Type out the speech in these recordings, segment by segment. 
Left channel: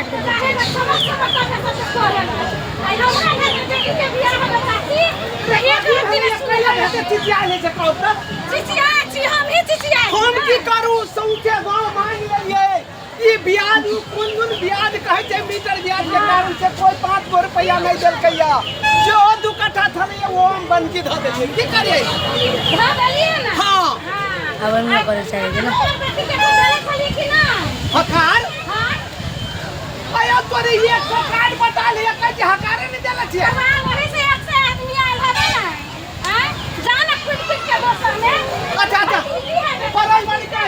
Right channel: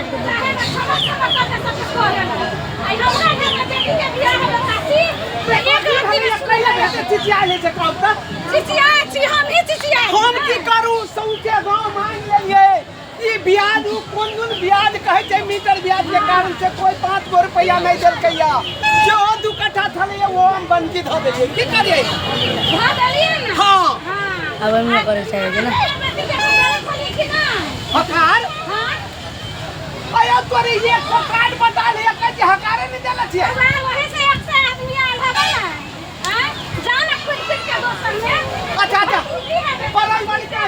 काट के देते हैं। हम की करू सौंसे गांव मांग लेलिए ई ब्याज कोन ब्याज कहै छै मीटर ब्याज के कारण से कोई 5 गो रुपया नहीं देलकैया जो 2 कट्ठा थले वो हम बंदी ध देलिए की करिए ध देलिए ना। हां अब हम ना करे चाहिए ना हकार हां आया तोरे ये सरकार बता लिया कि हकारे नहीं देला छै वही से 100 आदमी आयल है ना हां जाना कुछ के दोसर में। अच्छा परल वाली का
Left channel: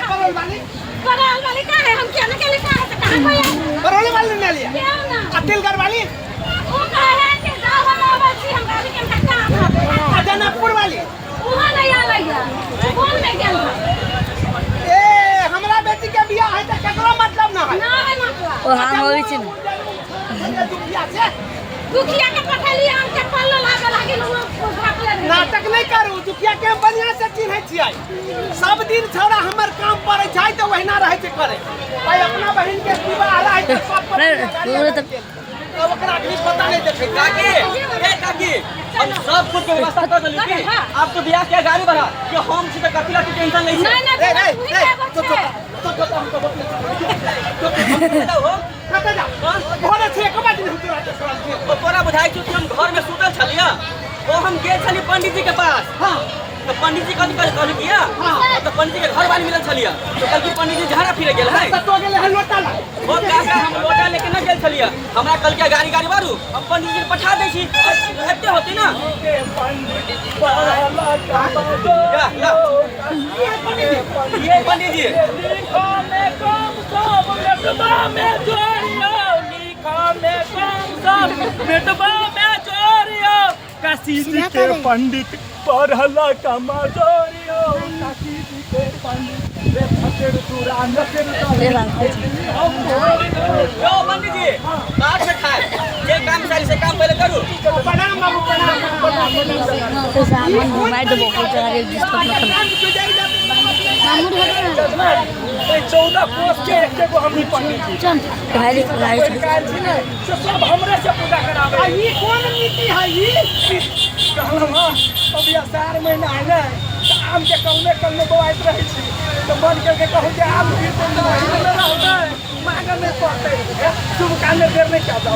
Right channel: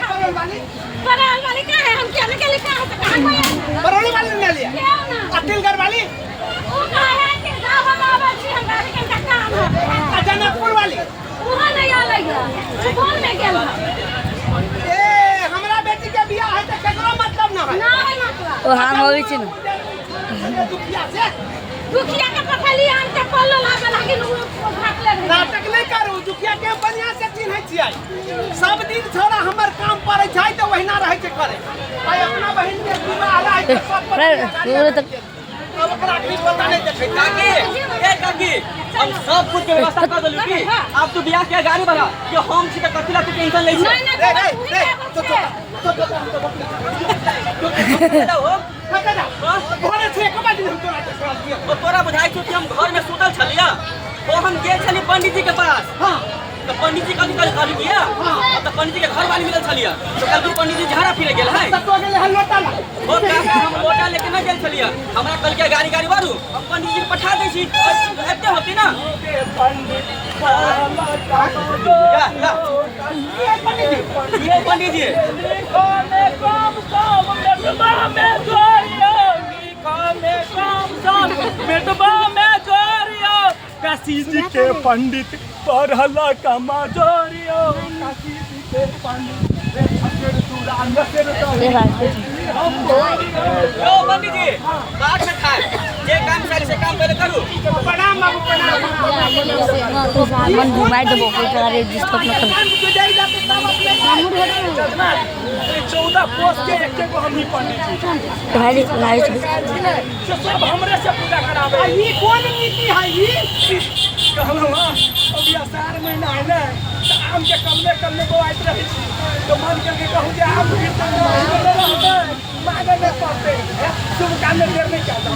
परल वाली का है हम क्या के लिखा है तो कहां कोई है परल वाली ने लिया क्या ना अतिलगढ़ वाली वो कहा है कि गांव हम आवासी हम घर के कट्टा जनकपुर वाली वहां नहीं आलैया कौन नहीं गेल ए हमरा बेटी के बियाह है त केकरो मतलब ना है मतलब ओ हां होई छी दुखिया के पठली आन के पल्लो लागे लागिन भागले नाटक नहीं करू दुखिया के बढ़िया से चिन्है छियै सब दिन छोड़ा हमर काम पड़ै छै त वहिना रहै छै करे भाई अपना बहन के विवाह है त सब पर अब ओकरा कुछ पता नहीं देखे काकी हम सब कुछ के व्यवस्था कर देली की आप तो बियाह के गाड़ी बढ़ा कि हम छी त कथिला के टेंशन नहीं नहीं तोरा बुझाई छ कि हम घर में सुतल छलिया तो हम गेल छली पंडित जी के पास हां तो पंडित जी कथि कहली किया तो पंडित जी के घर बानी मिलल छलिया तो कल पंडित जी झाड़ा फिरे गेल है तो गेले है लोटा ला ओ काका हम लोटा लेके न गेल छलिया हमरा कल के गाड़ी बारू हम पंडित जी के पठा दै छी एते होती ना ये पंडित जी काशी जी के पंडित पढ़ला कमा जोरियो काशी जी के पंडित यो पंडित जी बात से खाए जे काम सारी से काम पहले करू प्रणाम बाबू प्रणाम तो सामान घुमाई दबो कोई चला रे जिसको अपना जजमान 14 पोस्ट के एक को हमनी पंडित जी भागे भाई से सब हमरे से पूजा करावे ई कौन नीति है ई कहलवा अभी 4 महीना है ना तो आम के कल में बोआइत रही छी तो मन करके कहूं जे आम फिर तो नहीं में रहते मांगे में पड़ते शुभ काम में देर नहीं कर दो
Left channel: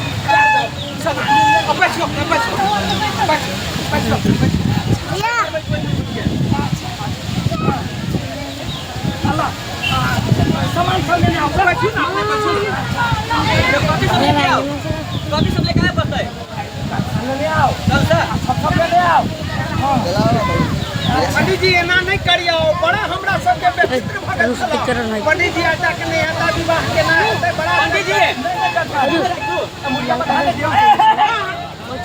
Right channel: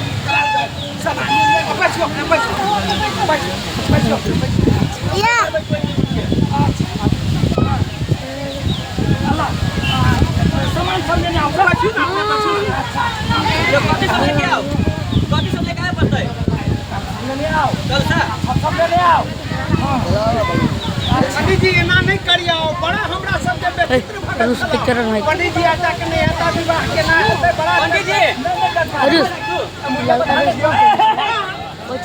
सामान सामान सब लेने आओ बच्चू ना जो कॉपी सब लेके आओ कॉपी सब लेके आए पड़ता है लेने आओ चल सा सब लेने आओ पंडित जी एना नहीं करियो बड़ा हमरा सब के बेचित्र भगत छला पंडित जी आता के नहीं आता विवाह के ना होते बड़ा पंडित जी मुझे बता दियो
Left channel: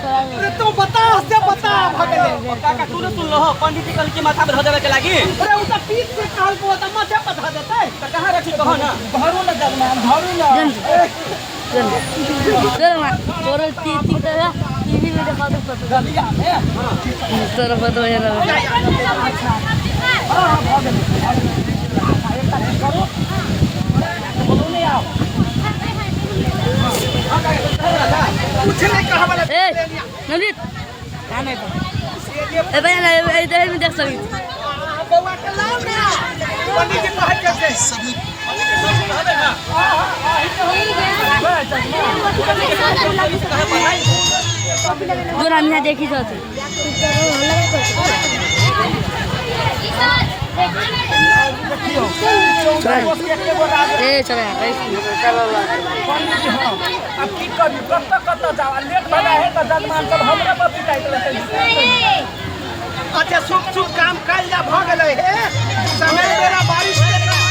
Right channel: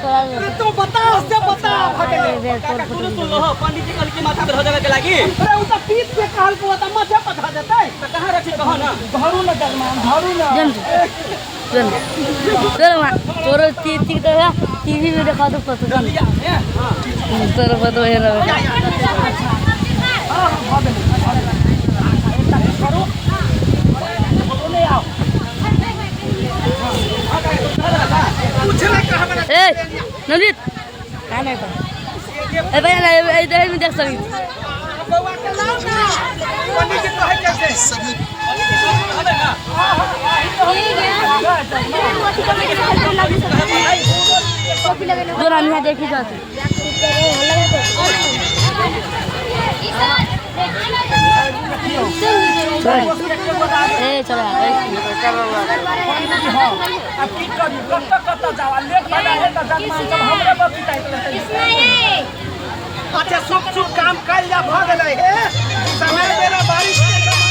अरे तू बता से बता भगले काका तू सुन लो पंडित जी कल के माथा पर हो जावे के लागी अरे उ त पीठ के काल को त मथे पथा देते तो कहां रखी कहो ना धरू न जजमान धरू न चलो मां तोरो ती तरह टीवी में दिखा दो फोटो गलिया में हां तोरो फोटो है ना अच्छा हां भगले अच्छा एक तक करो बोलो ले आओ कुछ नहीं कहा वाला ए नंदित का नहीं ए भाई ना इधर में देख सकते बउआ के लाओ ना पंडित जी कहे कैसे सही पंडित जी सब हवे ना दो रानिया देखी जाती ए चला पंडित जी हां अब की करियो कत्ता जाओ लेट भगा है त जजमान सब हमरे पर पिटाइत रहै अच्छा शुभ काम कल जा भ गेलै हे समय मेरा बारिश के समय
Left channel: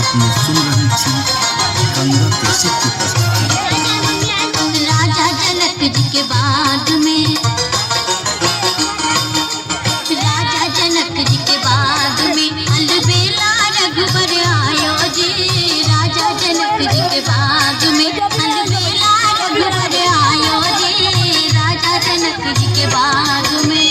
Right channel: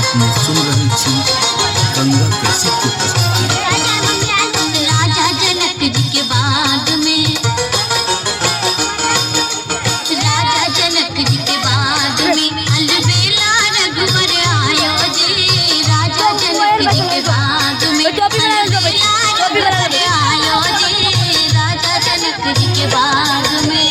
अपने सुन रहे छी गंगा कैसे की प्रस्तुति राजा जनक जी के बाद में राजा जनक जी के बाद में अलबेला रघुवर आयो जी राजा जनक जी के बाद में अलबेला रघुवर आयो जी राजा जनक जी के बाद में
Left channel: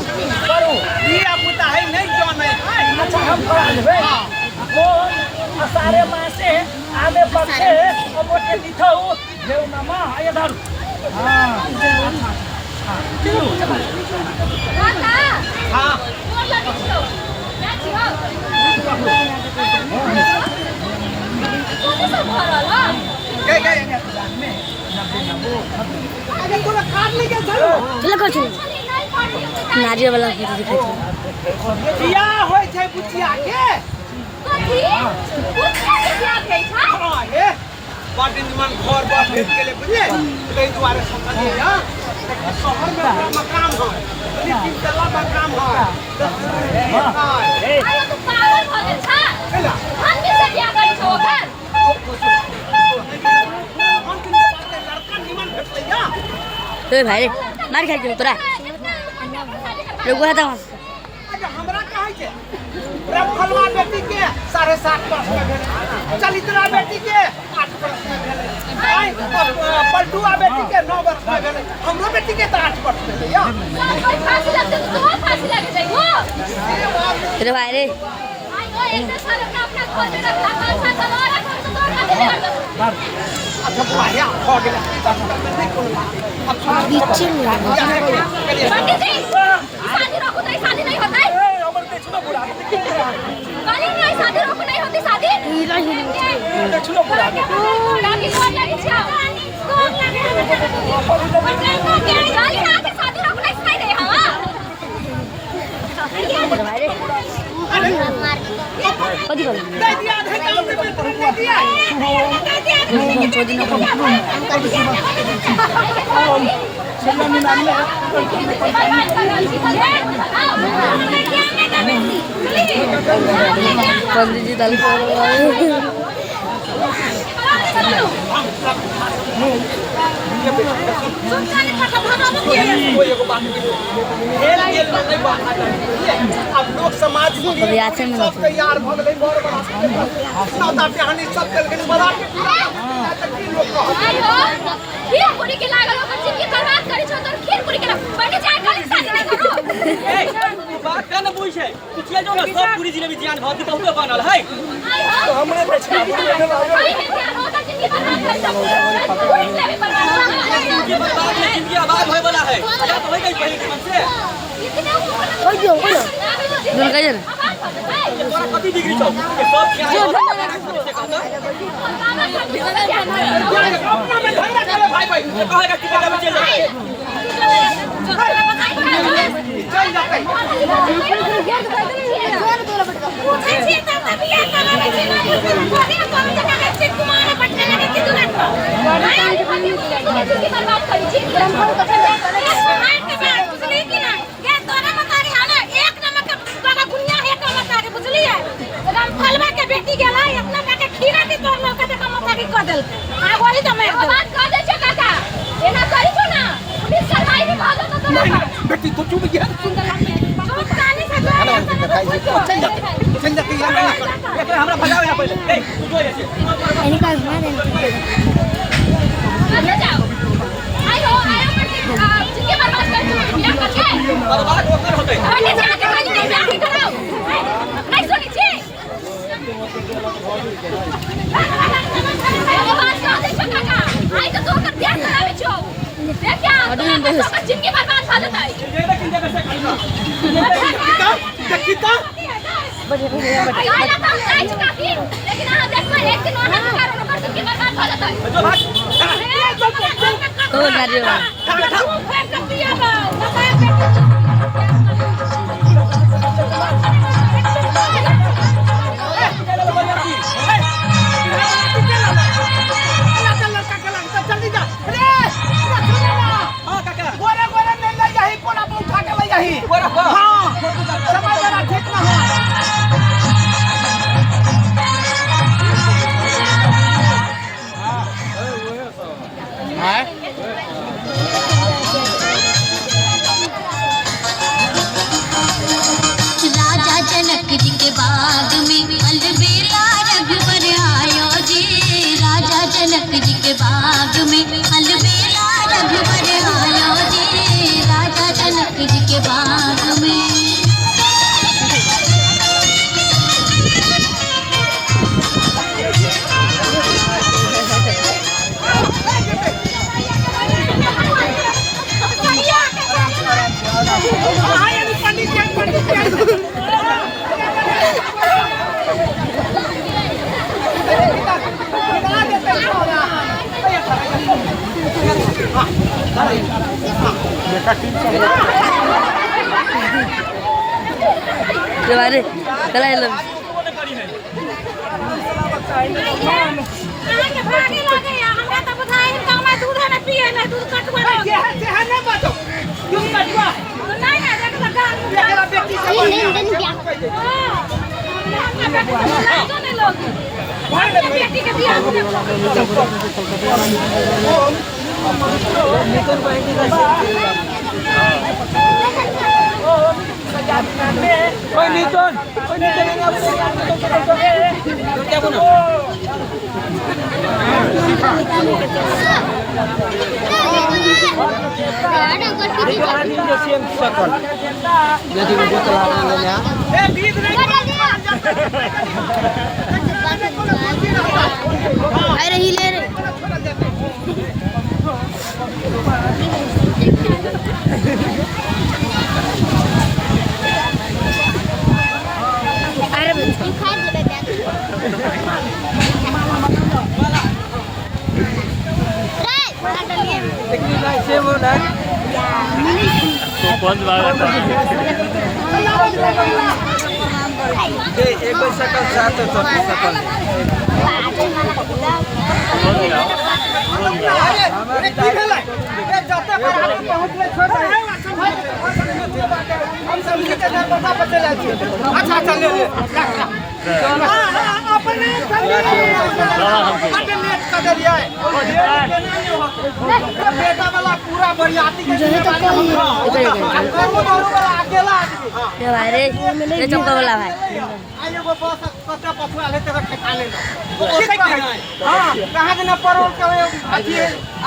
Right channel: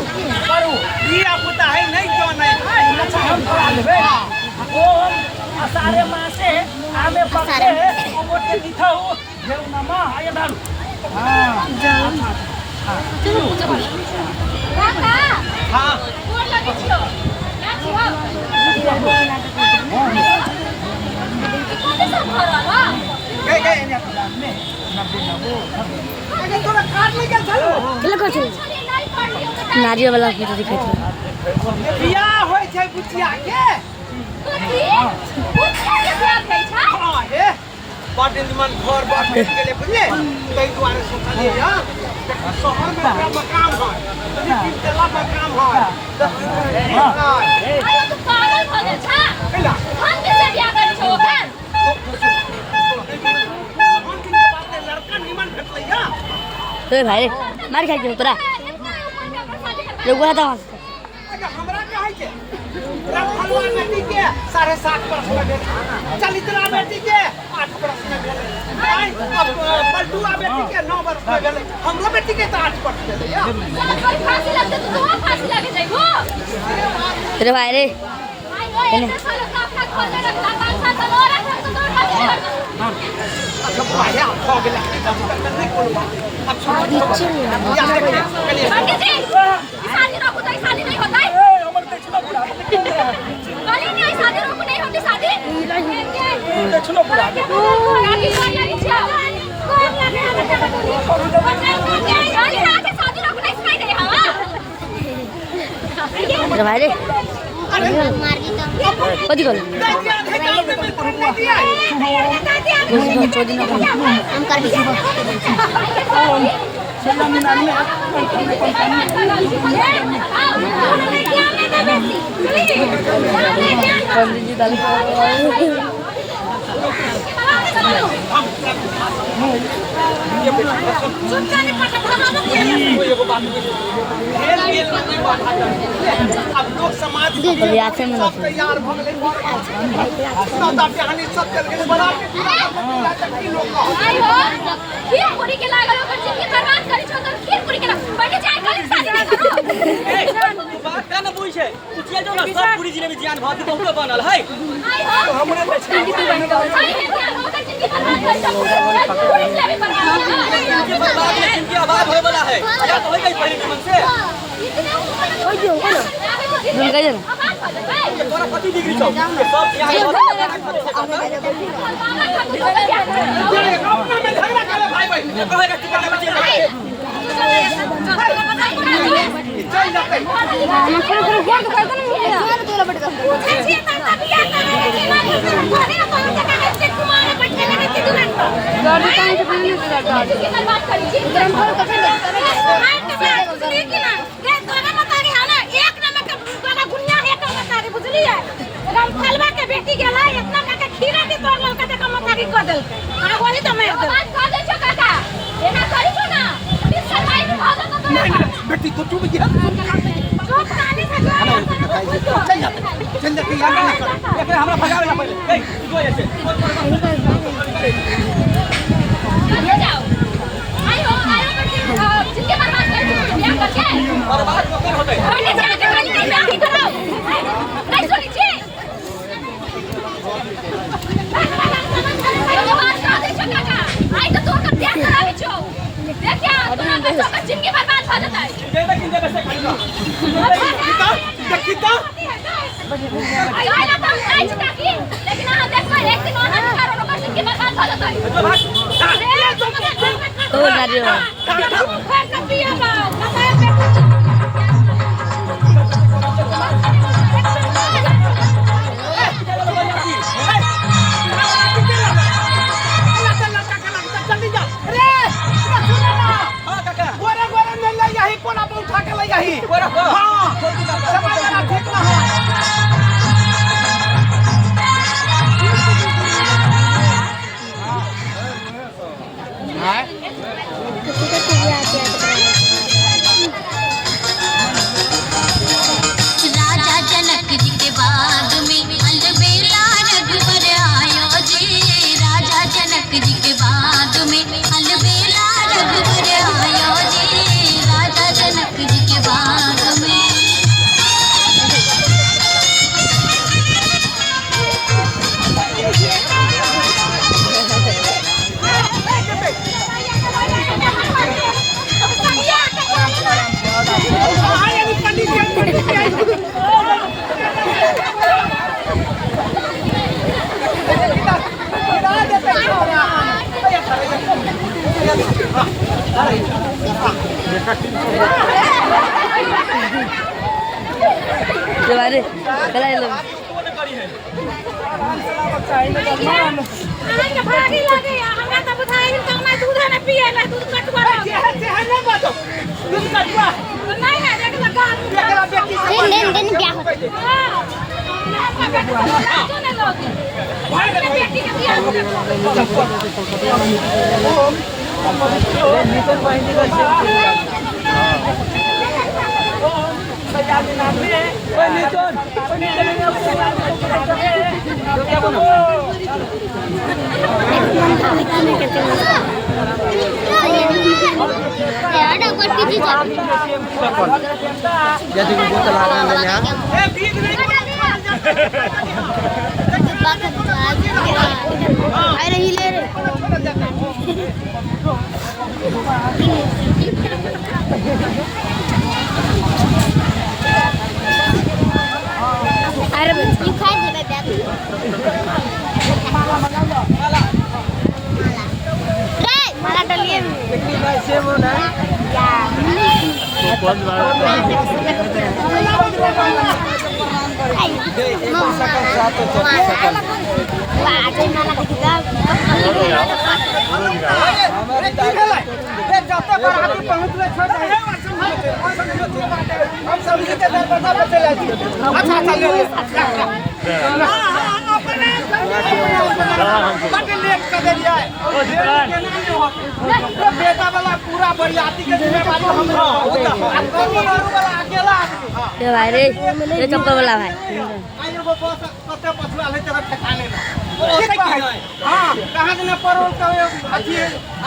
दिया पुता है नहीं जो नहीं है। अच्छा हम पढ़ा देबे ओम असारे मासे आमे पक्षे अमोटे दिथौ देव नमा आय दारू हां अच्छा हां किलो काका हाँ मोर लगे छियो क्या छियो कौन सा भरल ह गए ने प्लान में नब्बे नबो अगर तोरा काट ले के चलो किला कर छी छली नहीं पढ़ियो के नारियल वाला फोटो दिखै छै बियाह होय छै बुचिया के कथी बुचिया के बियाह भई छै हाँ हे बड़ निमन घर बड़ भेट गेले बुझले तै दुआरे सोचलिए हां शहर में ओकरा मकान है तीन तला मकान है हां आयो तू पागल भ गेल छ केला हम के से बियाह करै छौ ओकर हम किन के बात में लड़का निमन भेटलै या रे भाई मार खा के तोरा लोगो था अच्छा हमरा कहै छै रखलवा बेटी के 7.5 वर्ष में भेल चलित्रा बेटी के 8 वर्ष में भेलै आई पलटुआ बेटी के 9 वर्ष में भेलै हमरो बेटी के तो 8 वर्ष भेलै या कोई फांसी लगते तो फांसी लगे जाइबो रे भाई रे आयो एक साल का अपना खोल में रखला 5 साल और तो दौड़ कर कर अच्छा भाया हो गेलै तब नहीं कोनो बात अब सुनो या देखिए चलिए पंडित जी शादी रोको तो शादी नहीं होता है अमर देखनो बुढ़ा गाली नहीं शादी रोको नहीं होती शादी देखनो बुढ़ा गाली मार लगी छ कौन लगे गाली ना के शादी रोको नहीं सुनाई दे हवा रे भाई रे कथी कर दिया है काम में पहुंच दिया को दिन शिमला में नानी पंडित जी दाल अब लोग समाज अभी आते में ना तैयार भ गेलै माता कहानी सब चल गेलै बड़ा लोग आयो फिर पूरी के लागल ओकर जिंदगी बर्बाद करै छौ तो फिर पूरी के पहले जाय कर शादी नहीं करो ए तू बात का न बुझ छै तू चल जाओ ना सब पूरी जिले में जियान भौती बहुत बनल है आयो हमरे बच्चे की तो जिंदगी आबाद होए वाला है या तो होई गई पहले मन से कोई दियो कोई दोन कह ना तोरा कथी डिग्री छौ के सब यहाँ से करता अपना में झगड़ा करे भाई भाई ये कहेगा कि पता में चल जाए चल जाते बेटी गेला इतना का खीरा के तोड़ लो का मता की कर देल आ वही तो मार दे बात कर दे छ काका एना करी छो ना पुलिस सरकारी विभाग तो नहीं बेटी तो चुप गया सुन के लाग चुप कानी से तो चल जाते एक हमरा भगावे ना पहले ए तू जो ऐसे ले जाओ आयो जिंदगी बर्बाद कर दिया करके बर्बाद होकर होते पहले जाके पानी नहीं मैं भी कराओ नहीं सुनी छी बात कर दे छ काका आई तो तोकर ध्यान करावे छो देख क्या तुम्हारा जिंदगी बर्बाद हो जाता है ये तक इंडिया में से खाली ना कितना आयो ना तो आई छ काकी लेकिन हां देखो एक दिन और करो ना जिंदगी बर्बाद हो जाता है जो भाग तो नारियल फेंक ना पिया बा बताए जल्दी जा अरे हां काका गोरा गोरा नहीं ले जाही कोना पे उठा के ले जाही गोरा को हां समय जरा ठीक ना हो जनक जी के बाग में अलबेला रघुवर आयो जी राजा जनक जी के बाग में बारे चला भागी लगे हमरा त बुझाइ त हमरा दूध न पिए न दूध कटवा नहीं बातो तुम कटवा नहीं है देख लगा एकरा बेटी से बढ़िया सुने लोग बेटी के बियाह हो अरे ही ले रे अरे एक सकल सात सकल हम समझे के दरवाजा पर चले जाइए अच्छा चलिए अपने लेट कर दिया है बेटा वाला पूरा बरियाती के जिम्मेदारी हमरा होता वाला अकेला ये भाई रे ये चक्कर वाला भाई आई एगो बस पत्ता पछुआ ले तेरा ठेका ले वो ओसे हां कहां के न परोल के अथी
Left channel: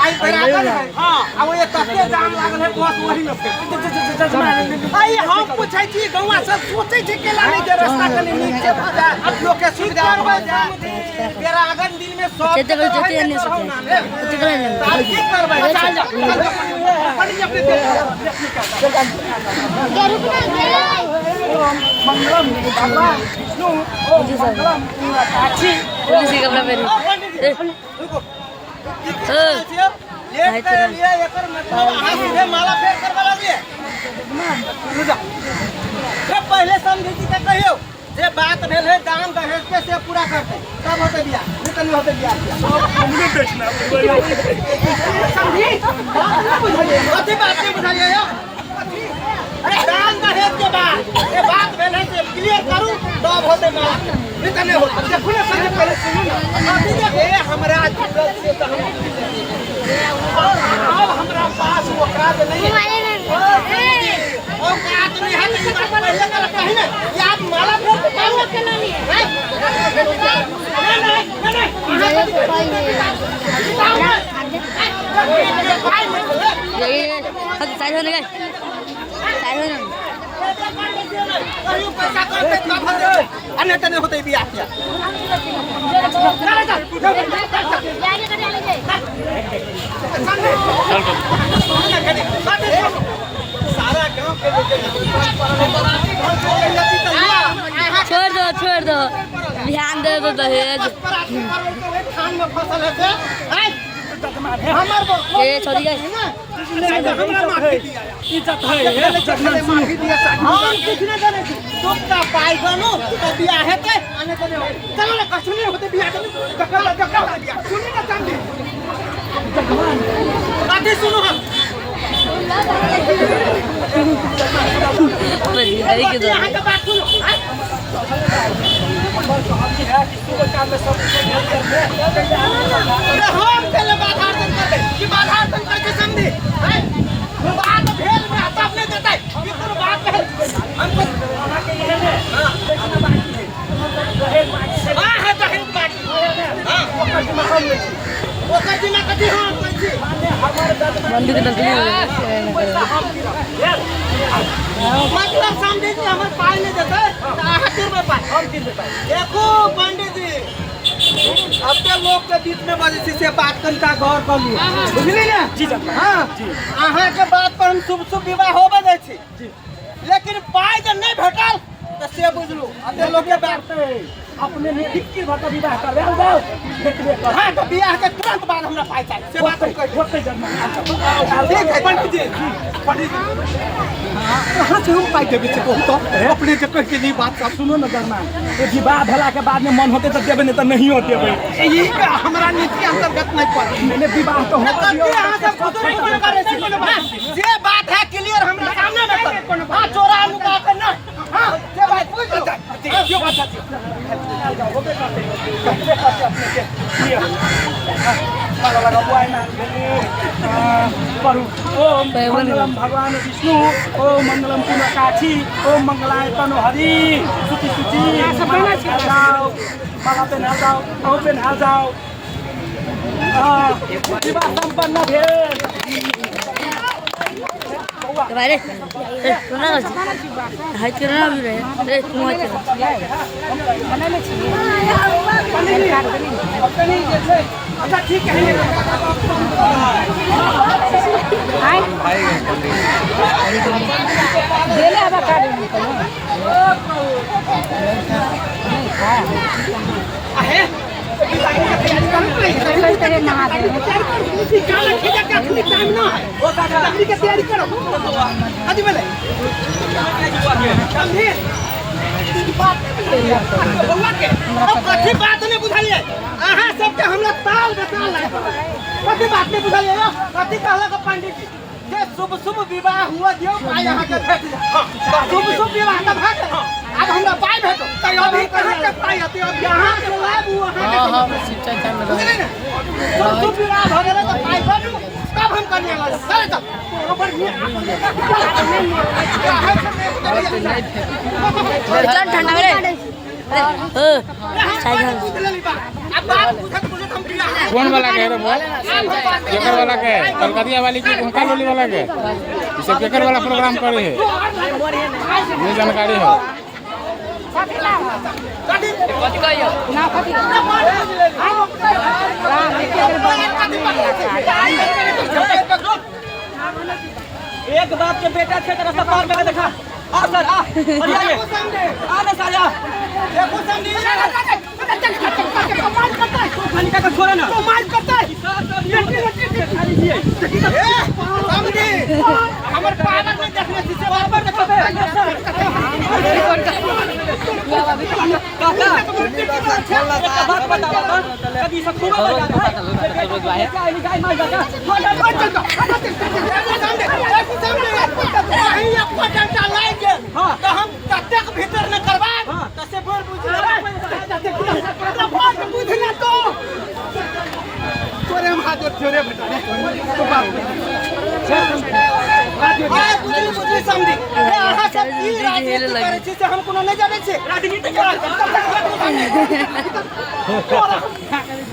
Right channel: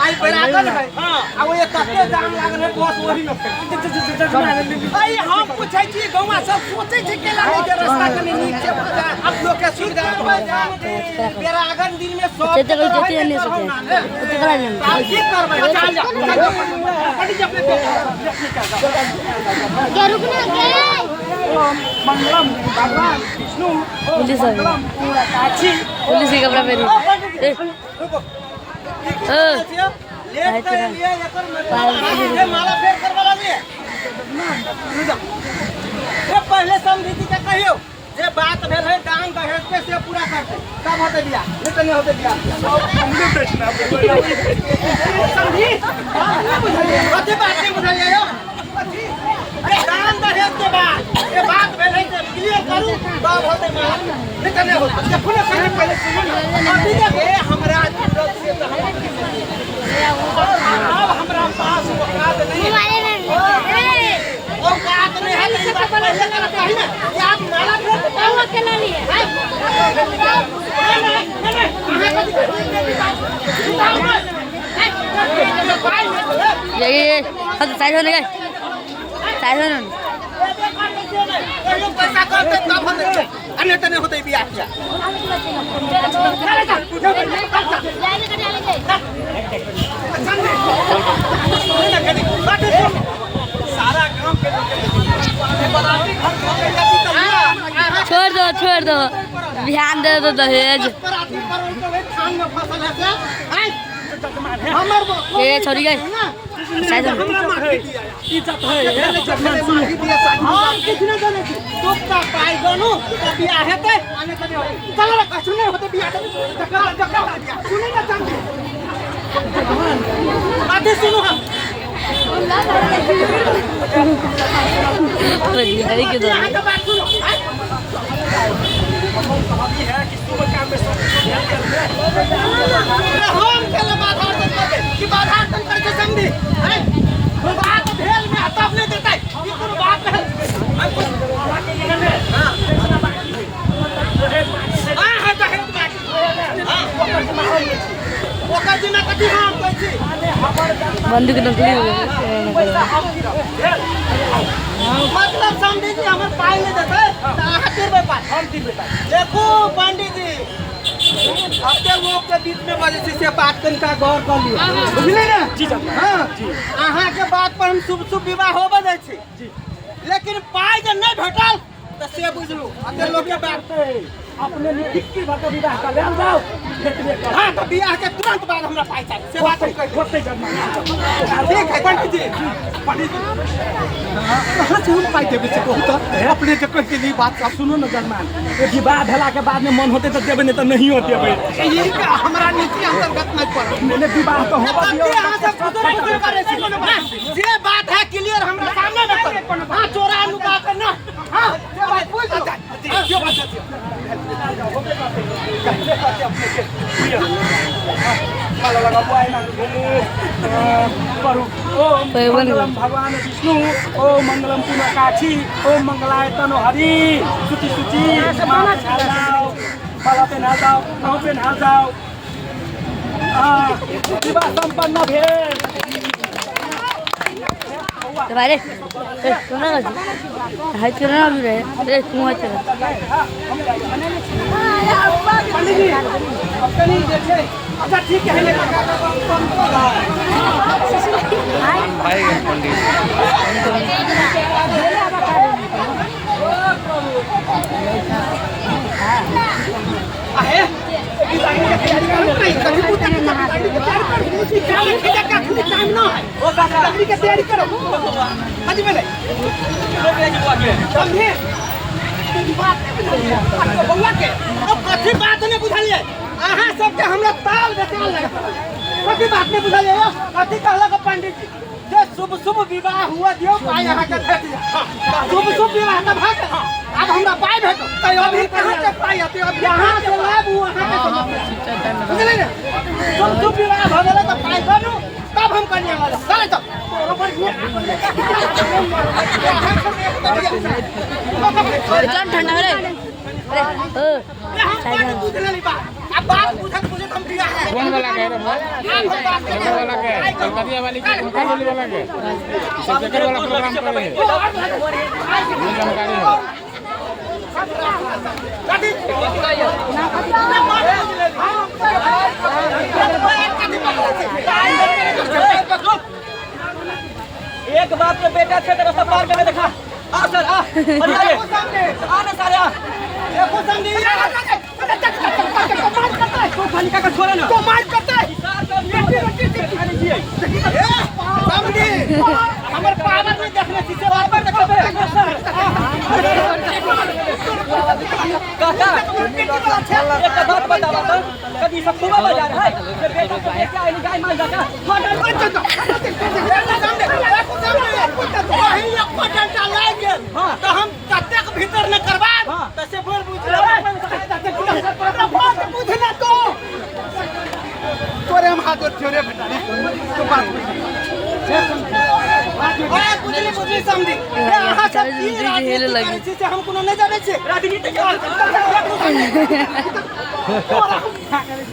आई बराबर है हां आ वो ये तके दाम लागल है बस वही न आई हम पूछै छी गौवा सब सोचै छी केला नहीं के रास्ता कने नीक के भजा अब लोग के सुविधा हो जाए तेरा अगर दिन में 100 चेते कर जोती नहीं सकते कुछ करा नहीं आप की करबै चल जा पड़ी जा अपने के रुकना के मंगलम बाबा विष्णु पुलिस आ गई पूरा काची पुलिस के कपड़ा पहन रुको ए लेट कर लिए एकर मतलब हां सीधे माला फेर करवाला लिए रुक ए पहले समझी के कहियो जे बात भेल है दाम दहेज पे से पूरा कर तब होते बिया नहीं तो नहीं होते बिया हमने बेचना समझी बात नहीं बुझाइए अच्छी बात नहीं बुझाइए हो अरे दाम दहेज के बाद ये बात भेल है से क्लियर करूं तब होते माला नहीं तो नहीं होता देखो ना समझ पहले सुनो ना अब ये हमरा जरूरत से तो हम अब हमरा पास औकात नहीं है औकात नहीं है तो बात पहले कर कहीं ना कि आप माला फेर के काम के नहीं है नहीं ये अब साइड होने गए साइड होने कहियो पैसा करते तब होते अन्य तो नहीं होते बियाह किया सारा गांव के लोग छोड़ दो ध्यान दे दो दहेज खान में फसल है ये छोड़ी गई हमरा माफी दिया इज्जत है माफी दिया हम किसने जाने की तो का पाई बनो तो बियाह हेते आने कने चल रे कछु नहीं होते बियाह जकर बियाह सुनी ना चांदी बातें सुनो हम बढ़िया के दो यहाँ का बात सुनो कि सुबह काम में सब हेल्प करते हम पहले बाधा करते कि बाधा करके समझी बात भेल में तब नहीं देता है कि कोनो बात भेल हमको के ये हां देखना बाकी है दहेज बाकी है हां दहेज बाकी है हां वो कर हम ओकर जिम्मा कथी हम कहै छी माने हमर ददमा मंडी के नकली पैसा हम गिरब मतलब पंडित जी हमर पाई नहीं देते तो अहाँ गिरबै पाई हम गिरबै पाई देखो पंडित जी अपने लोग के बीच में बजे से बात कनिका गौर कर लियो बुझली ना जी जब हाँ अहाँ के बात पर हम शुभ शुभ विवाह होबे दै छी जी लेकिन पाई जब नहीं भेटल तो से बुझलू अपने लोग के बात अपने निकी भका विवाह कर ले जाओ भेटबे कर हाँ तो बियाह के तुरंत बाद हमरा पाई चाहिए से बात हम कह होते जन्म ठीक है पंडित जी कहाँ से हम पाई देवे से बहुत अपने के कह के बात आप सुनो ना जजमान विवाह भेला के बाद में मन होते तो देबे नहीं तो नहीं होते ये हमरा नीति अंतर्गत नहीं पड़े मैंने विवाह तो होगा दियो अहाँ सब खुदर करे छी जे बात है क्लियर हमरा सामने में कर हां चोरा लुका के ना हां जे बात बोल दो जो बात है माला लगा बुआई ना करू ओम मंगलम भगवान विष्णु ओम मंगलम पुनकाक्षी ओम मंगलाय तनोहरि सुचि सुचि माला जाओ माला पे ना जाओ नाव पे ना जाओ विवाह संपन्न भेल तुम्हारे सुना ना हाय चुना भी रहे अरे कुआं चला पंडित जी अब तो नहीं जैसे अच्छा ठीक है आहे बिताने का तैयारी कर रही है कहीं पूछने की तैयारी कर इसी काला खेजा का खुली टाइम ना है ओ काका तैयारी की तैयारी करो आज मिले समझे बात नहीं बुझाइए बउआ के अब कथी बात नहीं बुझाइए अहाँ सबके हमरा ताल बेताल नहीं कथी बात नहीं बुझाइए कथी कहला का पंडित जी जे शुभ शुभ विवाह हुआ दियो पाई अहाँ के भेट जा शुभ शुभ विवाह का भेट अब हमरा पाई भेटो तो अभी कहां तक पाई आते अब यहां से लाभ हुआ अहाँ के बुझले ना शुभ शुभ विवाह हो गेला तो पाई बनू तब हम करने वाला चले तब ऊपर ये इतना ठंडा मेरे अब बात पूछत पूछत हम बियाह कौन वाला कह रहे भाई केकर वाला के कलकतिया वाली के कुंकल वाली वाला के सब केकर वाला प्रोग्राम करे है ये जानकारी है एक बाप के बेटा छे तेरा सब पार में देखा आ सर आ अरे आ सारे आ देखो संगी कमाल करता है तो खाली का छोड़े ना कमाल करता है समझी हमर पावर में देखने की पावर देखबे काका एक बात बता कभी सब खूब बजा रहा है क्या है गाय मार जाता तो हम तक भीतर न करवा तसे बोल बुझला बुझला तो तोरे हम हाथ जोड़े बेटा तो बात बुझली समझी अहाँ सब की राजनीति करे छी से हम कोनो नहीं जाने छी राजनीति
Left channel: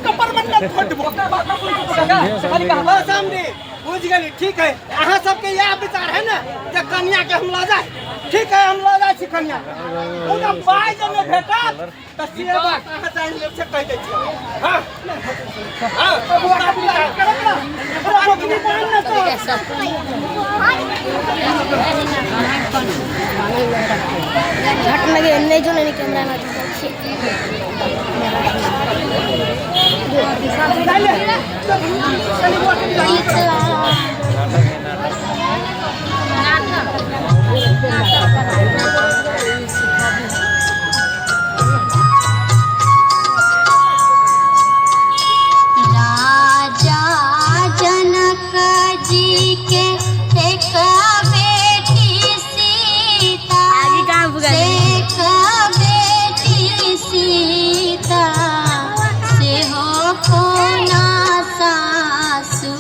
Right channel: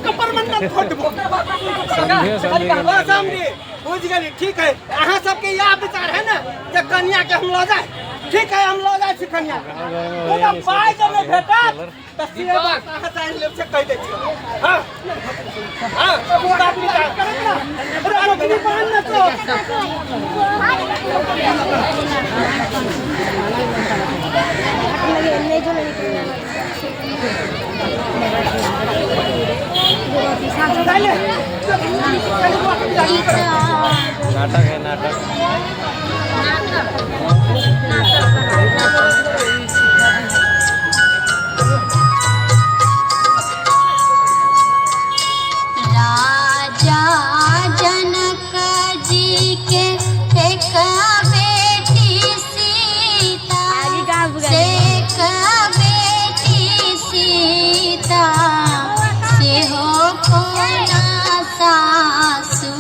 कपर मंडल फटबो समझी बुझ गेली ठीक है अहाँ सबके यह विचार है ना कि कन्या के हम लो जाए ठीक है हम लो जाए छी कन्या उना पाई जब भेटा तो से बात अहाँ चाहे लेब से कह दे छी हां हां बोरा विचार करब ना रोकनी मान न तो घट लगे नहीं जो नहीं करना चले राजा जनक जी के एक बेटी सीता आगे कहाँ बुगा एक बेटी सीता से हो कोना सासुर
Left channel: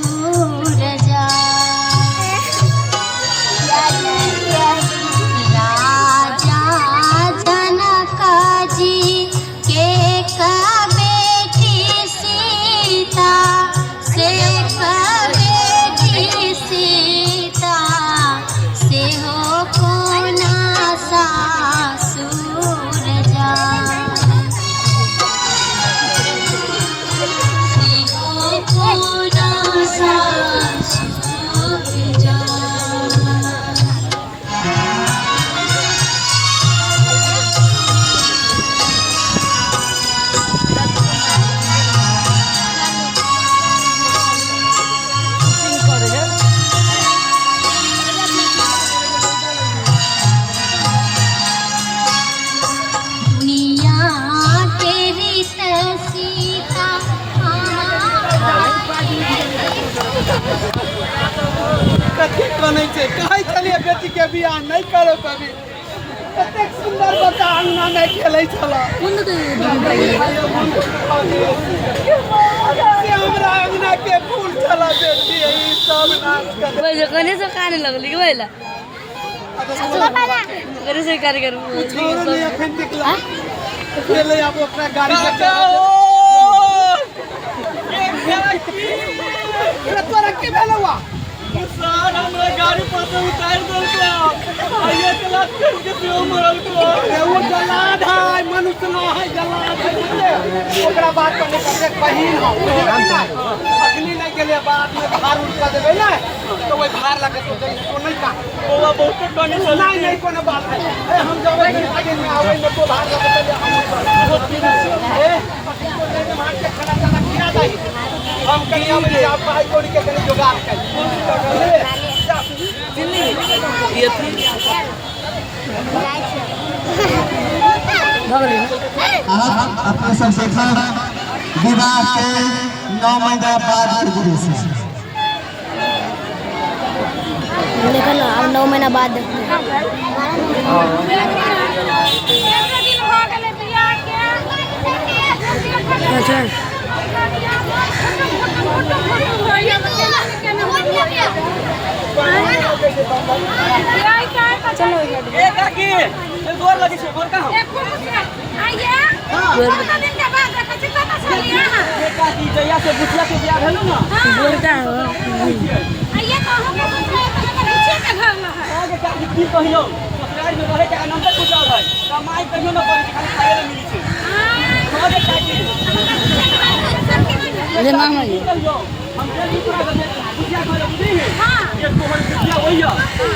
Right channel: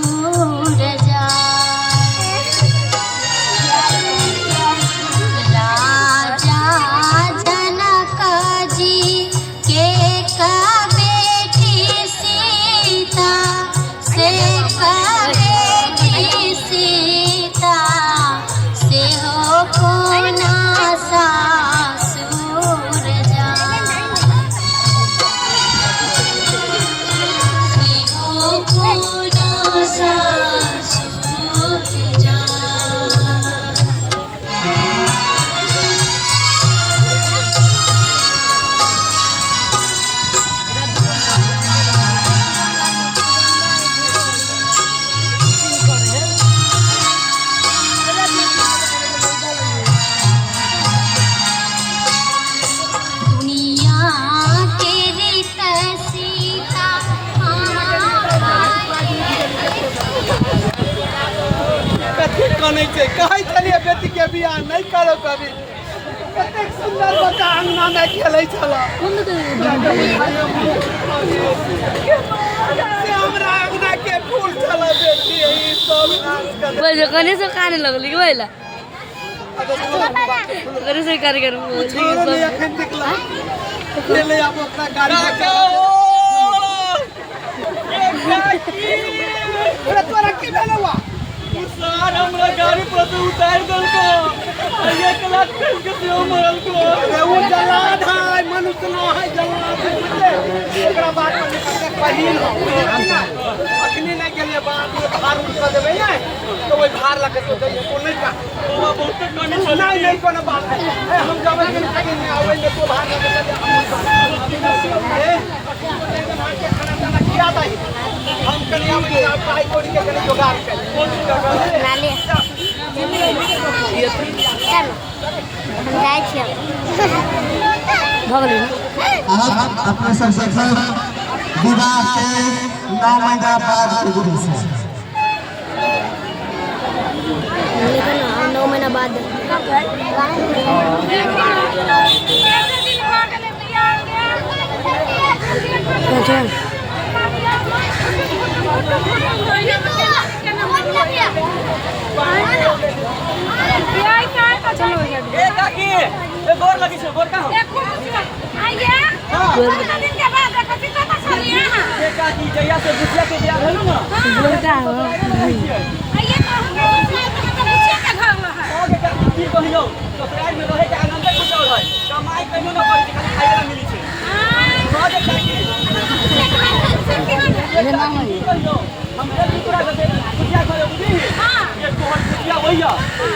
जा कथी कनै छै कहै छलिए बेटी के बियाह नहीं करो कभी कतेक सुंदर बच्चा अंगना में खेलै छला से हमरा अंगना के फूल छला बेटी ई सब नाश कर बोल कने से काने लगली बोला करे से कर छोरो नहीं अखन निकला खेले अब ओकरा गाड़ी पर चढ़ा अरे तोरा के भेलवा सर हमरा गाड़ी पर से उतार देल को ये तलाक कर के पियो मरल को अरे वो जलाद है मनुष्य न है जलाद है बुझले ओकरा बात पर कते बहिन हो अखनी नहीं गेले बाद में भार उड़ कर देबे ना तो वही भार लगे तो नहीं का वो बहुत कने नहीं कोनो बात है हम जब आगे में आवे में तो भार लगे तो हम ए अखनी को नहीं मार के खड़ा जाना किया दई हम कनी आवे आप भाई तोड़ी के कनी जुगाड़ कर ये थी भगली आप अपने सबसे विवाह से 9 महीना बाद गुरु से लेकिन 9 महीना बाद कैसे दिन हो गेले बियाह के अच्छा फोटो होइया केना होइया बियाह का चलो ए काकी ए गोर लगी छे गोर का हो एक मुसिया आइए हां कितना दिन के बाद देखा छी कतना साल यहां ए काकी जया से बुचिया के बियाह भेलु ना बोलता हो आइए कहो के बुचिया तो बुचिया के घर में है ओके काकी की कहियो ससुराल में रहे के आनंद कुछ और है कमाई कहियो ना पड़ी खाली खाए ना मिली छे हां गे काकी ये मांग की कहियो हम जल्दी पूरा कर दे बुचिया घर बुझी हां ये तोहर बुचिया वहिया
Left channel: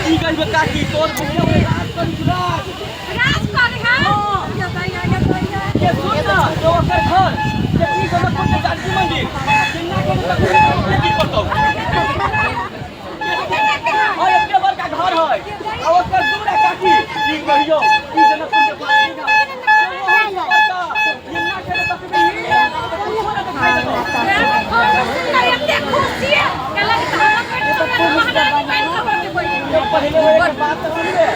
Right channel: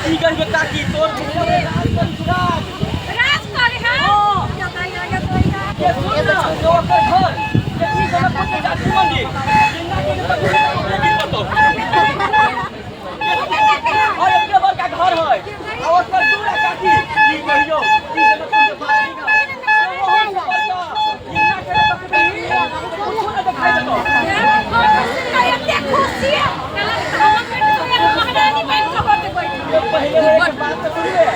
की कहियो काकी तोर बुचिया वे राज करी सुराज राज करे है ये ताई आगे तो ये सुन ना जो ओकर घर कितनी जनकपुर के गाजी मंदिर जिन्ना के तक ओकरे की पतो और एक बार का घर है और ओकर दूरा काकी की कहियो की जनकपुर के बाजी ना वो हम पता जिन्ना के तक भी कुछ ना दिखाई देतो इतने खुशी है कहला कि हम पेट तो महारानी बन के होते कोई पहले वो एक बात तो सुन ले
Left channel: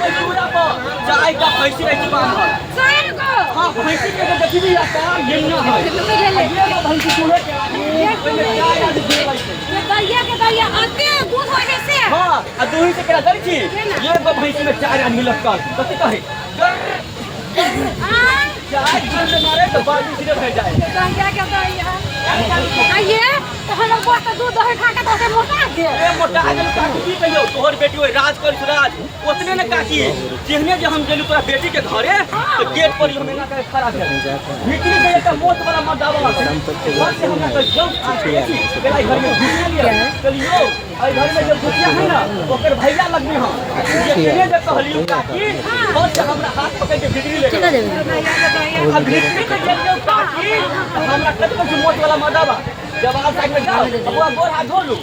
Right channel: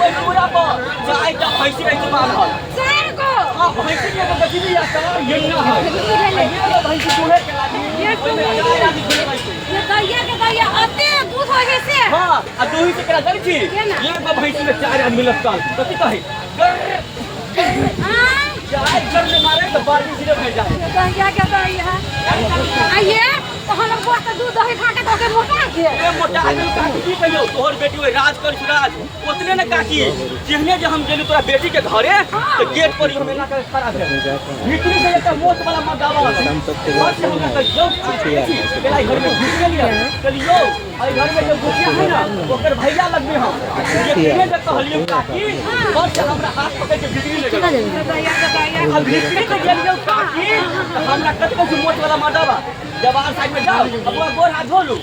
वो दूरा पर चाय का भैंसी रही बात है सर को हां भैंसी के देखी भी आता ये ना है ये तो भैंसी दूल्हे के लागी ये तो चाय आदि खिलवाई छे ये दैया आते दूध हो जैसे हां आ दूही के केरा दरी छी ये भैंसी में चार आदमी लटकल कथि कहे चाय घर में मारे तो बाल्टी सीधे भर जाए दैया के दैया आइए तो हम लोग बहुत दूध दही खा के तो मोटा के ए मोटा आदमी काकी की कहियो तोहर बेटी ओए राज कर सुराज ओतने न काकी जेहने जे हम गेलु तोरा बेटी के घरे तो गेट पर हम एना तरह खड़ा रहे भीतरी से एक मोट वाला मर्दावा और से हमरा के जब केला घर में घुस गेलिए चलियो आई घर में जब घुसिया है ना ओकर भैया लगबे हम ये केने जे कहलियो काकी और से हमरा हाथ पकड़ के भीतरी ले टिका देबे दैया के दैया अब भीतरी से गेलियो काकी तो हमरा कतको मोट वाला मर्दावा जवान साइड में जाओ अब वो गोर हाथ धो लू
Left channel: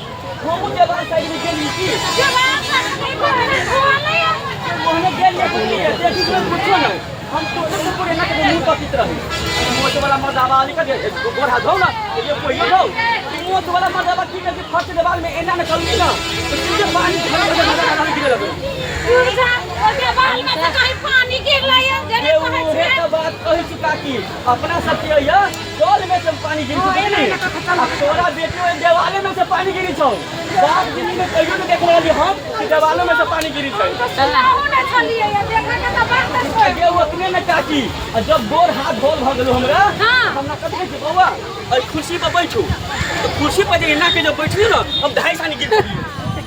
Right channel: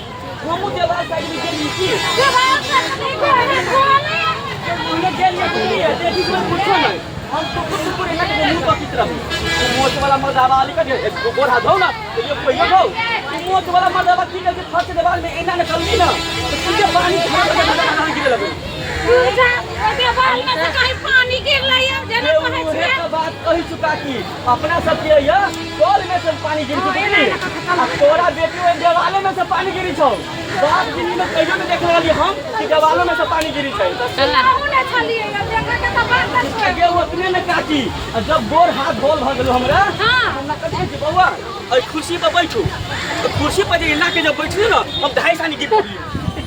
हमू जवान साइड में गेली की जवान का को है धोआ नहीं मोहने गेल ले बुझली है देखी कोई पूछो नहीं हम तो कुछ ना के मुंह पर चित्र है मोच वाला मर्दावा वाली का दे गोर हाथ धो ना ये पहिलो धो मोच वाला मर्दावा की करके फर्स्ट देवाल में एना न करूंगी ना तो तुझे पानी भर के मर्दावा गिरे लगे देवाल में से कहीं पानी गिर लाया जने ये कहै वो छै तो बात कही चुका की अपना सब के ये कॉल में से पानी गिर चुकी अब तोरा बेटी ओए देवाले में से पानी गिरी छौ बाप जिंदगी में कहियो न देखले रही हम कि देवालों में से पानी गिरी छै ना छलिए या देखा के तो बात कर ये उतने में काकी जब गोर हाथ धोल भ गेलो हमरा हमरा कथि के बौआ और कुर्सी पर बैठू तो कुर्सी पर जे ना के जब बैठली ना हम 2.5 सानी गिर पड़ी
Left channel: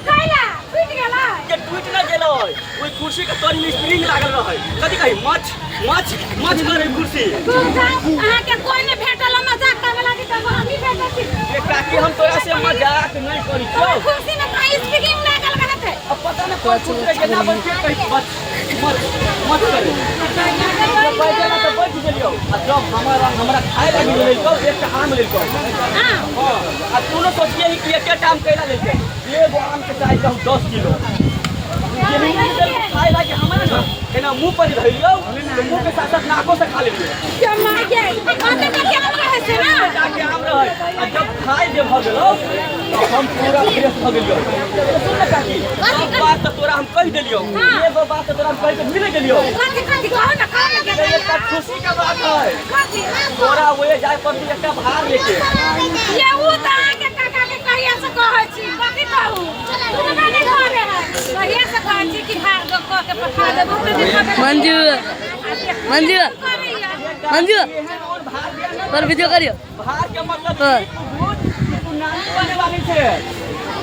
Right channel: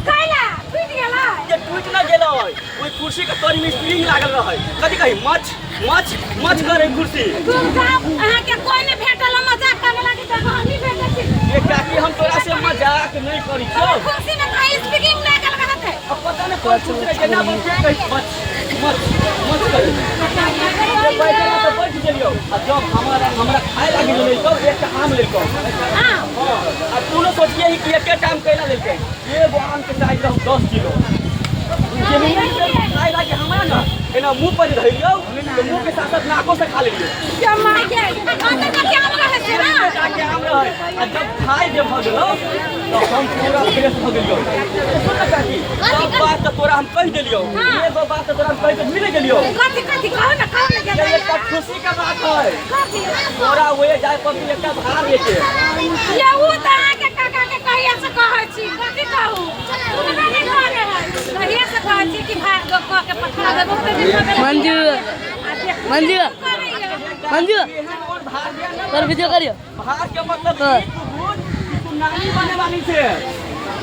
कैला टूट गेला ये टूट ना गेलो ओई कुर्सी के तोरी में स्प्रिंग लागल रहै कथि कहि मच करे कुर्सी अहाँ के कोई ने भेटल मजाक करे लागी त हम ही भेटत ये काकी हम तोरा से मजाक नहीं करी छौ कुर्सी में कहीं स्पीकिंग लागल करत है अब पता नहीं कोई कुर्सी के ना बन के कहि मत करे बैठे ना तो बैठ गेलियो आ जब हमरा खाए लागी लेलको एक आम लेलको हां आ तू न सोचिए कि एक काम कैला लेके एगो आम के साइज रहू 10 किलो खाए लाके हमरा ना एना मुंह पर धइलियो तो मुंह के साथ साथ नाको से खा लेलियो क्या मार के अंदर का क्या रहे छै ना जाके आम रहे आ जब खाए जे भ गेलो तो हम पूरा फ्रेश भ गेलियो तो सुन ना काकी सब बात तो तोरा हम कह देलियो ये बात तो तोरा हम कह के भूल गेलियो कथी कहो ना ये एक खुशी का बात है कथी तोरा ओए जाय पड़ती एक भार लेके ये वो तो आके काका के कहिया से कहै छी कथी कहू तू तो नहीं करे है कहिया से कहै छी कि भाग दो कह के पठा दे बहुत दिन हो गेल मंजू मंजू मंजू और भार दिया ना पर वीडियो करियो भार के मतलब तू नानी बने वाली छे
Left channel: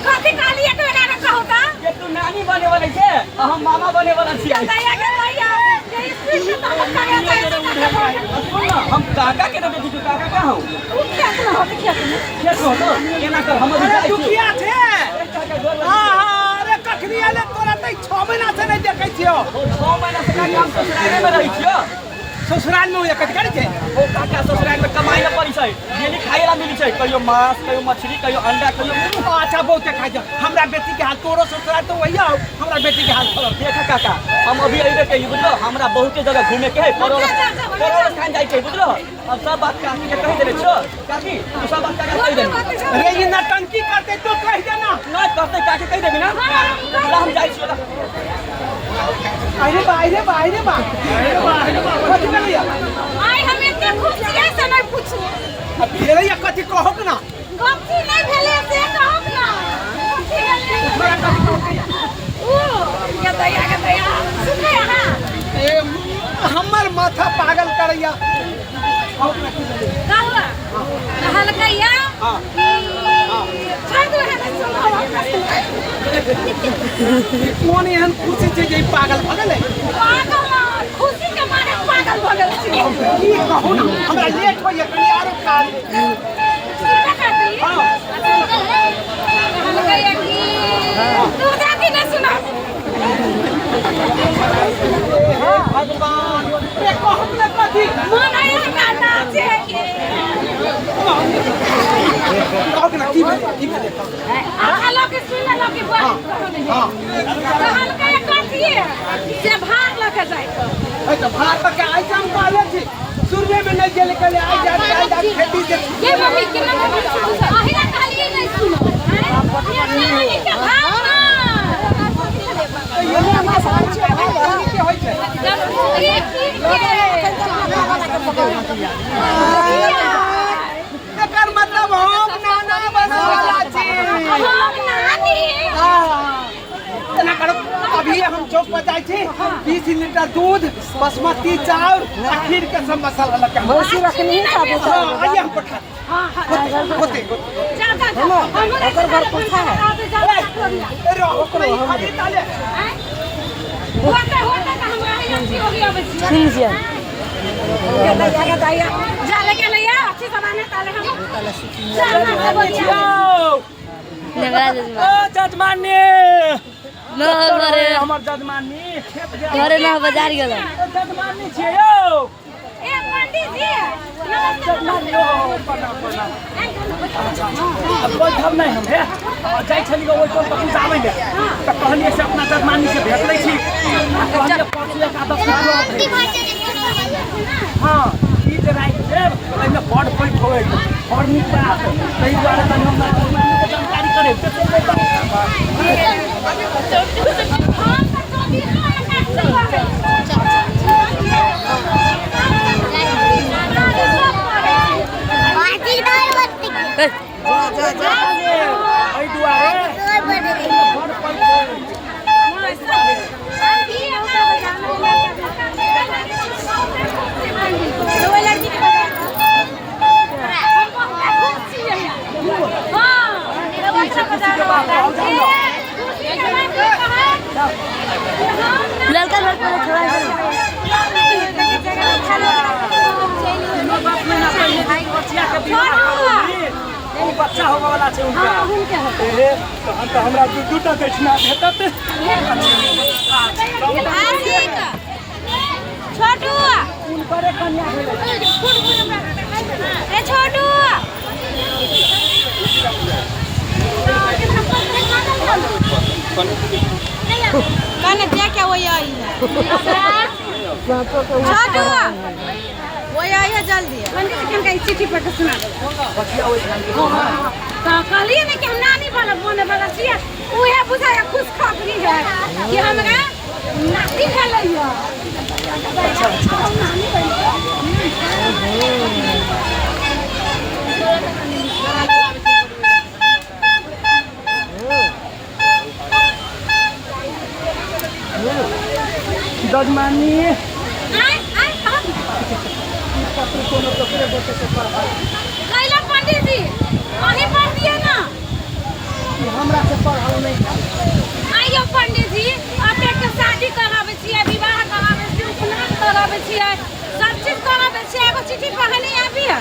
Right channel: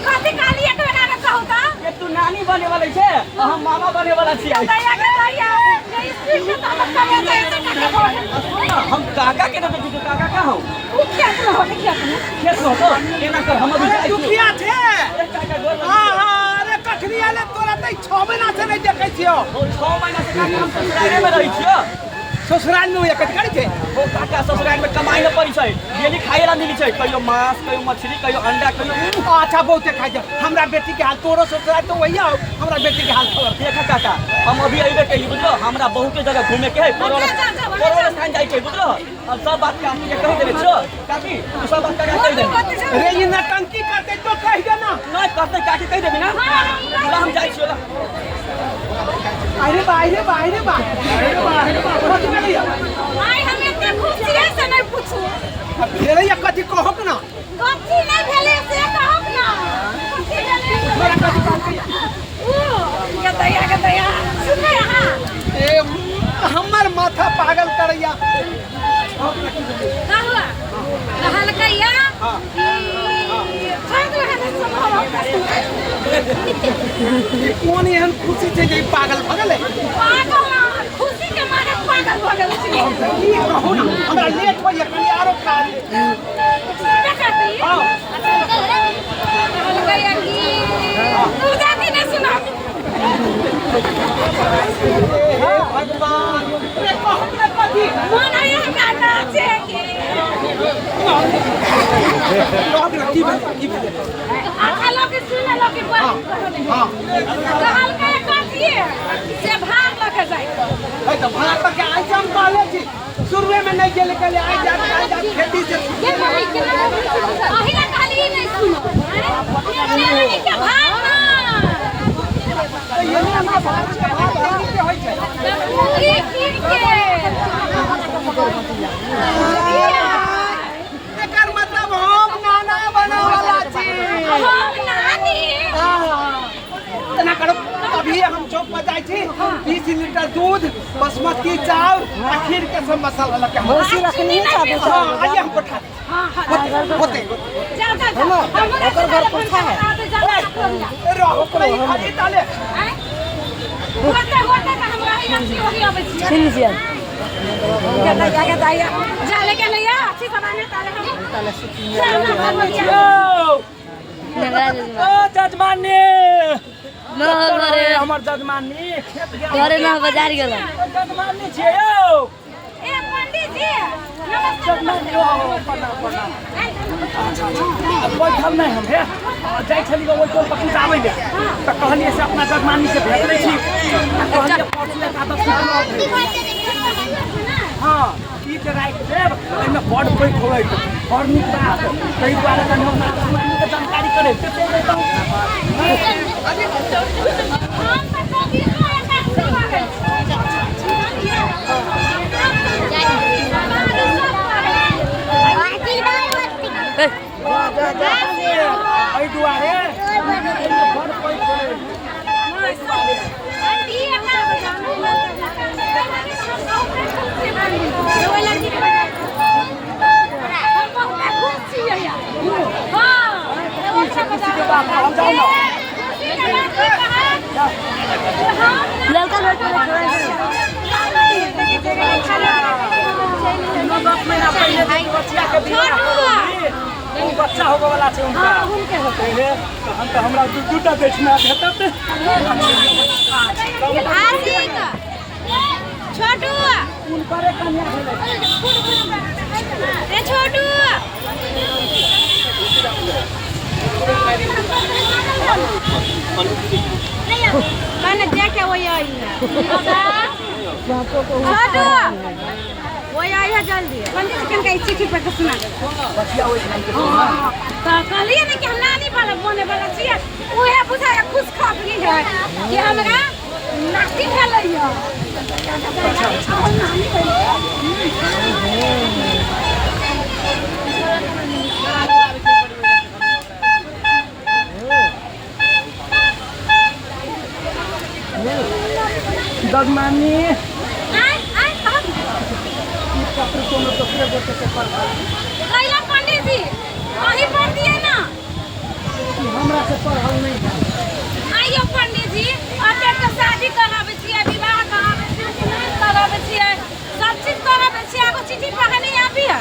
कथी कहली एक बेरा में कहू त ये तू नानी बने वाली छे और हम मामा बने वाला छियै दया के दया ये स्पीड से ताकत करे तो ऐसे काके बोल सुन ना हम काका के देखि तू काका का हौ तू क्या न हो क्या तू खेत हो तो केना कर हम अभी जाई तू छी किया छे काका गोर हां अरे कखनी आले तोरा त 6 महीना से नहीं देखै छियो 6 महीना से काका हम ससुराल में रहै छियो ससुराल में एक करी छे ओ काका ससुराल में कमाई न पड़ी छै डेली खाए ला मिली छै कहियो मांस कहियो मछली कहियो अंडा कहियो अच्छा बहुते खाइ छ हमरा बेटी के हाल तोरो ससुराल तो वही हो हमरा बेटी के हाल खबर देखा काका हम अभी अइबे कही बुझलो हमरा बहुते जगह घूमे के है करोड़ स्थान जाई छै बुझलो अब सब बात काकी के कह देले छो काकी तू सब बात काका कह दे रे ये नटंकी करते तो कह देना नहीं करते काकी कह देबी ना ला हम जाई छियो अरे बा कथी भैया आई हम इतने खुश छियै से नहीं पूछू अब फेर ये कथी कहक ना कथी नहीं भेले से कहू ना कथी भेले तोरा कथी कहक ओ के दया सुने हां ए हमर माथा पागल करैया कहवा हलकैया हां छोड़ दो है सुनो कौन एहन खुशी छै जे पागल भ गेलै पागल ना खुशी के मारे पागल भ गेल छी की कहू ना हमरा लेट होइए कनी आरो काज बेकती हां हलकैया की तू जाके न सुनो हे भगवान रे कहब ना कथी मन आया गाना से के कहब ना की भेलै आखा लोग सुन लो की बात हां तो हलकैया कथी है जे भाग लके जाय ए तो भाग के आई हम कहले छी शुरुए में नहीं गेले कले आई जा खेती से ये नहीं कि अहिला खाली नहीं सुनो ये के भाग ना तो ये नहीं के भाग देनी के होय छै पूरी पीर के एकर मतलब हम नाना बना वाला छी हम नानी हां तना करो अभी हम चौक पर जाई छी 20 लीटर दूध बासमती चावल खीर के सब मसाला लगा भैंसी रखनी है चाबू आइए हम पठा हां होते जा ओकर घर पूछा है रहो करो हम डाले होते का हमरा यहाँ से होगी अब सुन जिया के दाया जाले के लिया अच्छी सामान ताले हम ताले नेगरा जजमान ओ जजमानी न करे हमर जजमानी करे ना बाजार गेलो जजमानी छियै यौ ए पंडित जी जजमानी ओ प्रणाम अब बैठल नहीं हम हे जाई छली ओइ टोल पर कुछ आबै ले त कहलिए से अपना जजमानी से भेट लै छी कहलिए परसू एक आदत शुक्र हां ई त राइट देब एमे बड़ पैठ होय बड़ नीक बात तै दुआरे कनि हम जजमानी के जानकारी करे त हम तो 24 को एक से है एहि दुआरे बड़ पैठ होय लड़की के बजा हम बहुत खुश छियै हां ओकरा बजा खुशी के बात कहा लड़का घर पर छोड़ा महीना पहले बच्चा के विवाह करोगी ओ बच्चा होवे वाला छै उनका उनके होते हे तहन त हमरा दूटा बेचना भेटत छोटू उनकरे कन्या भेलै ए छोटू मैंने देखा वो आई है छोटू वो आई है जल्दी पंडित जी के चिट्ठी पर सुना तो कहलिए ना कि हम नानी वाला बोने वाला छिए उहे बुझाया खुश खबरी है कि हमरा नाती भेलैया नानी ददमानी कैला पंडित जी अही पढ़ दिए ना हमरा से पढ़ल नहीं है आइयो पंडित जी अपने के शादी करावे छिए विवाह करावे छिए उपनयन करावे छिए सब चीज करावे छिए एगो चिट्ठी पढ़े नहीं आबी है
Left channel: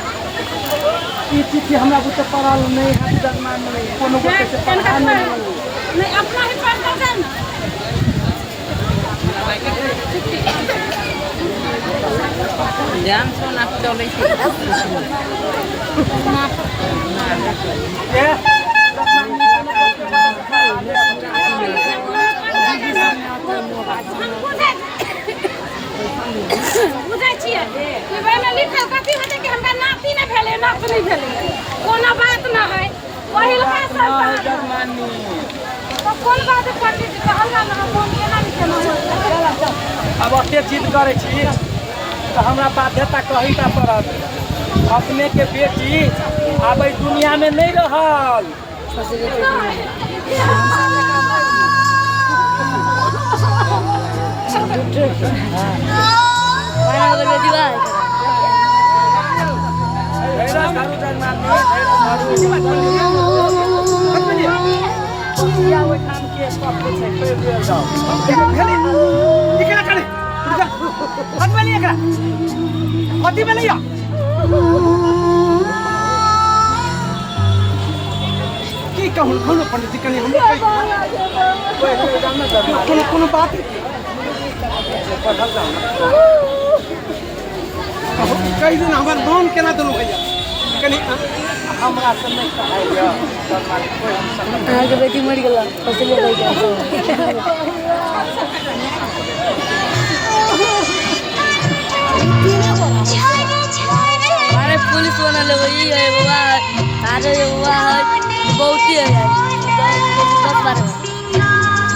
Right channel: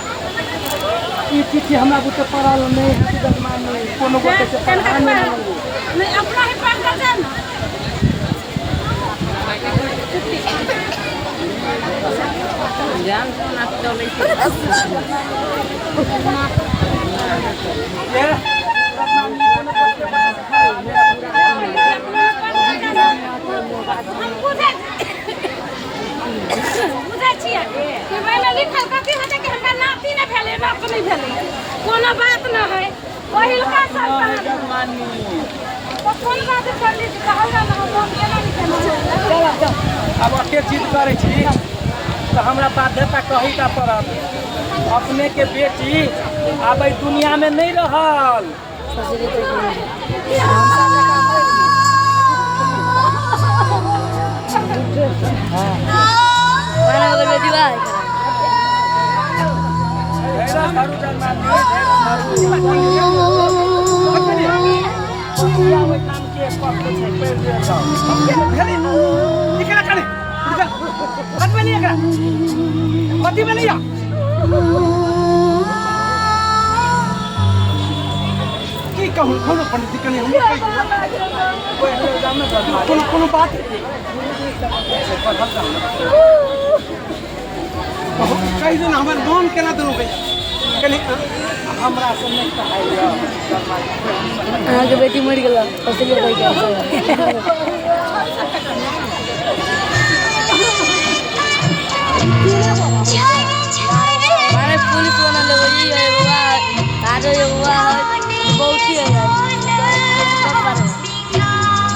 ई चिट्ठी हमरा बुते पढ़ल नहीं है ददमानी कोनो गोटे से पढ़ा नहीं अपना ही पढ़ देते ना ध्यान से ना चले बुझै छियै कि ओहिमे लिखल कथी हेतै कि हमरा नाती नहि भेलै नात नहि भेलै कोनो बात न है पहिलका संतान तो कोन बात पंडित जी कहल जा ना हम केना लिखेना अब अते जिद करे छी तो हमरा बाध्यता कही ता पड़त अपने के बेटी अब ई दुनिया में नहीं रहल माना अगर बेटी बात पंडित जी कनी कोनो बात कही दिन हमारे गाँव केना दोनों भैया कनी हमरा से नहीं कहाइया अहाँ के बेटी मर गेल इसलिए कहि के मारे पुलिस वाला लोग ये है बाबा आरे बाबा बहुत ही है यार 10 12